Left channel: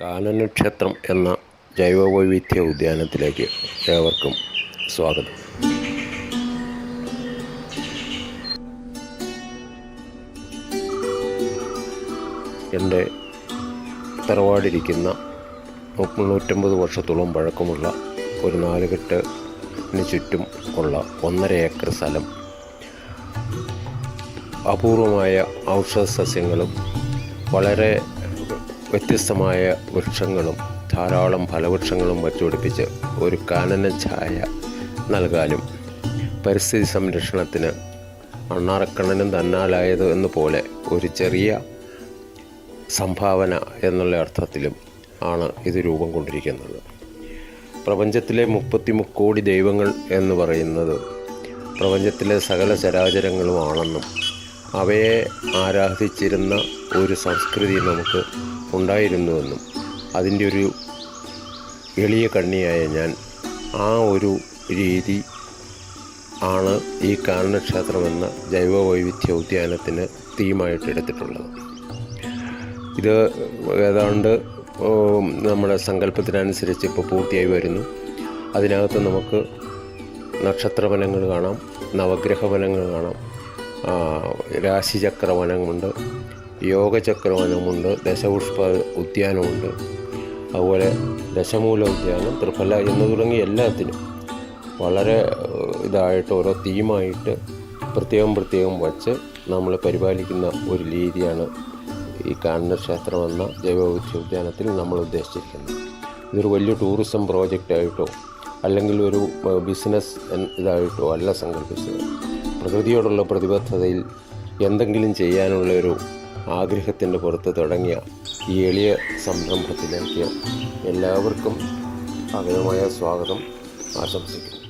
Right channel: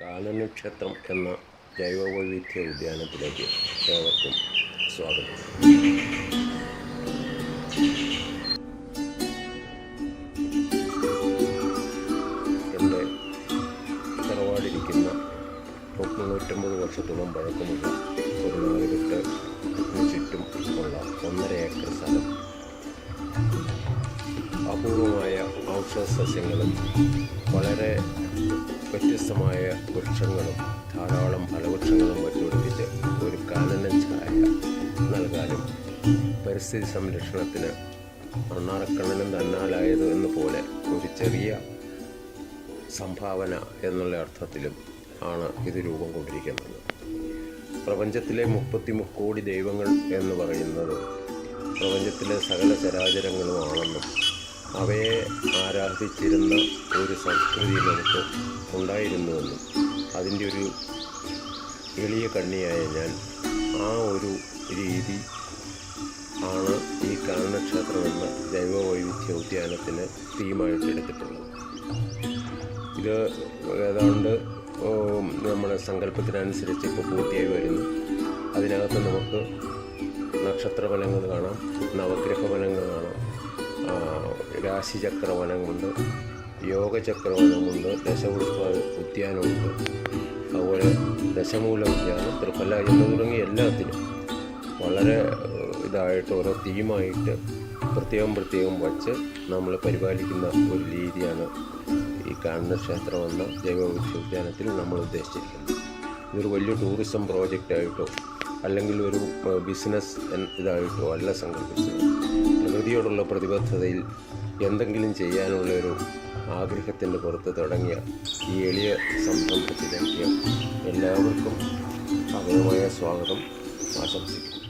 കാനനക്ഷേത്രം എന്ന ജൈവവൈവിധ്യ ഉദ്യാനത്തിലേക്ക് ഏവർക്കും സ്വാഗതം. എന്റെ തറവാടിരിക്കുന്ന മുന്നൂറ്റമ്പത് വർഷത്തോളം പഴക്കമുള്ള ഒരു നാലുകെട്ടിന് ചുറ്റും ഉള്ള ഒന്നര ഏക്കർ സ്ഥലം. അപൂർവമായ ഔഷധ സസ്യങ്ങളും വളരെ വ്യത്യസ്തമായ വൃക്ഷങ്ങളും ധാരാളം ഫലവൃക്ഷങ്ങളും വച്ചുപിടിപ്പിച്ച് ഒരു കാനന ഛായ നൽകാനും പരിസ്ഥിതി സംരക്ഷണത്തിന് മണ്ണാറക്കണ്ണനും തന്നാലായത് എന്നപോലെ ഒരു ചെറിയ സംഭാവന എന്നുള്ള അർത്ഥത്തിലും ആണ് ഇത് രൂപം കൊണ്ടിരിക്കുന്നത്. പ്രപഞ്ചത്തിലെ മുപ്പത്തി മുക്കോടി ദൈവങ്ങൾ എന്ന് പറയുന്നത് പ്രപഞ്ചത്തിലെ സകല ചരാചരങ്ങളുമാണെന്നും അവയെ ആരാധിച്ചിരുന്ന ഒരു സംസ്കൃതി നമുക്ക് ഉണ്ടായിരുന്നുവെന്നും അതിന്റെ ഒരു എളിയ കണ്ണിയായ ഞാൻ ആ ഒരു രീതി ആണ് ഈ കാനനക്ഷേത്രം എന്ന ജൈവവൈവിധ്യ ഉദ്യാനത്തിന് തീമായിട്ട് എടുത്തിട്ടുള്ളത്. ഇത് ഏതാണ്ട് നമ്മുടെ സങ്കല്പത്തിനനുസരിച്ച് ഇപ്പോൾ പൂർത്തിയായി വരുന്നു. അതിനകത്ത് നമുക്ക് നക്ഷത്രവനങ്ങൾ കാണാം നവഗ്രഹ ഫലങ്ങൾ കാണാം രാശിചക്രവനമുണ്ട് യോഗചക്രവനമുണ്ട് ദശപുഷ്പ ഉദ്യാനമുണ്ട്. അതുപോലെ ദശമൂല ഉദ്യാനം ത്രിഫല എന്ന് തുടങ്ങി എല്ലാത്തിനും വളരെ ഇതായിട്ട് ഓരോ തീമായിട്ട് പ്രത്യേകം പ്രത്യേകം വച്ച് നമ്മൾ പരിപാലിക്കുന്ന ഒരു രീതിയാണ് ഈ കാണുന്ന ക്ഷേത്രം എന്ന ജൈവവൃക്ഷ ഉദ്യാനത്തിൽ നമ്മൾ ഉദ്ദേശിച്ചിരിക്കുന്നത്. ഇതൊരു വലിയ ടൂറിസം പ്രോജക്റ്റായിട്ടോ അല്ലെങ്കിൽ ഒരു ബിസിനസ് ഇതായിട്ടോ അല്ല സങ്കല്പിച്ചത്. പ്രകൃതിയോടുള്ള പ്രതിബദ്ധതയിൽ എന്തെങ്കിലും ചെയ്യാനുള്ള ഒരു ആഗ്രഹത്തിന്റെ പുറത്ത് തുടങ്ങിയ ഈ എളിയ സംരംഭത്തിലേക്ക് എല്ലാവർക്കും അതയമായ സ്വാഗതം. ആശംസിക്കുന്നു.